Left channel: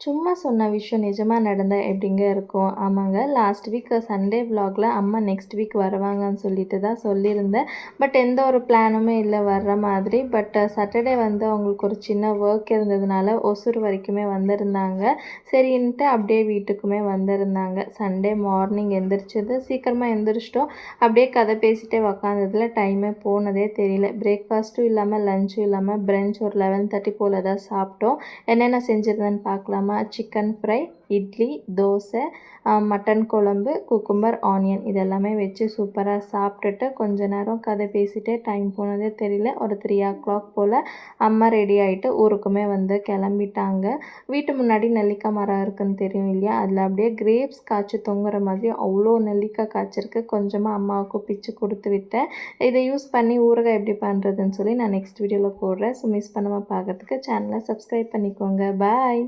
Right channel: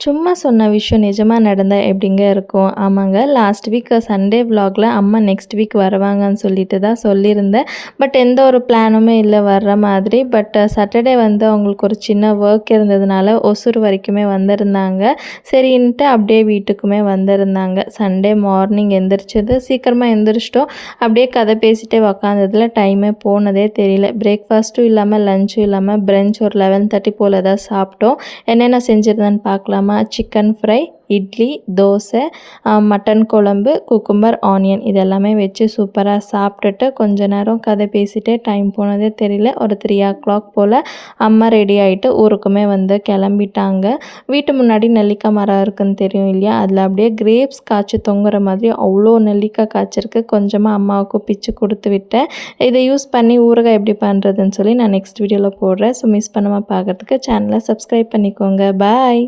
சும்மா சொன்ன விஷயம் நிஜமா நடந்தா எப்படிங்க இருக்கும்? ஆமாங்க. லாஸ்ட் வீக் சண்டே விலாக்ல அம்மா நெக்ஸ்ட் வீக் வருவாங்கன்னு சொல்லிட்டு தான் சொல்லியிருந்தேன். பட் எந்த ஒரு பிளானுமே இல்ல வர்ற மாதிரி. பட் சாட்டர்டே வந்து அவங்களுக்கு ஒரு சின்ன ஒர்க் இருந்ததுனால ஒசூர் வரைக்குமே வந்திருந்தாங்க. சரின்ட்டு அப்படியே வீட்டுக்குமே வந்திருந்தாங்க. சண்டே மார்னிங் எந்திரிச்சது சீக்கிரமா எந்திரிச்சிட்டோம். அப்படியே கதை பேசிட்டே உக்காந்ததுல டைமே போனதே தெரியல. பிரேக்ஃபாஸ்ட்டும் இல்லாம, லஞ்சும் இல்லாம பிரஞ்ச் ஒரு 11:30 போல தான் சாப்பிட்டோம். என்னென்ன செஞ்சிருந்தேன்னு பார்க்கலாமா? Chicken fry, idli, dosa, mutton குழம்பு, குக்கும்பர், ஆனியன் இது எல்லாமே வச்சு சூப்பராக சாப்பிட்டுட்டு கொஞ்ச நேரம் கதை பேசிட்டே டைம் போனதே தெரியல. ஒரு 3:00 போல் அம்மா ரெடி ஆகிட்டு ஊருக்குமே வந்து கிளம்பிட்டாங்க. வீட்டு முன்னாடி நெல்லிக்காய் மரம் இருக்குன்னு தெரியும் இல்லையா? அதில் அப்படியே கிரேப்ஸ் காய்ச்சி தொங்குற மாதிரி அவ்வளோ நெல்லிக்காய் காய்ச்சிருக்கு. கொஞ்சமாக அம்மாவுக்கு பிச்சு கொடுத்து விட்டேன். இதை யூஸ் பண்ணி ஊறுகாய் எப்படி பண்ணுறதுன்னு சொல்லி நான் நெக்ஸ்ட் வீடியோவில் போடுறேன். ஸோ மிஸ் பண்ணாமல் பார்க்குறதுக்கு சேனலை சப்ஸ்கிரைப் பண்ணிக்கோங்க. பாய்.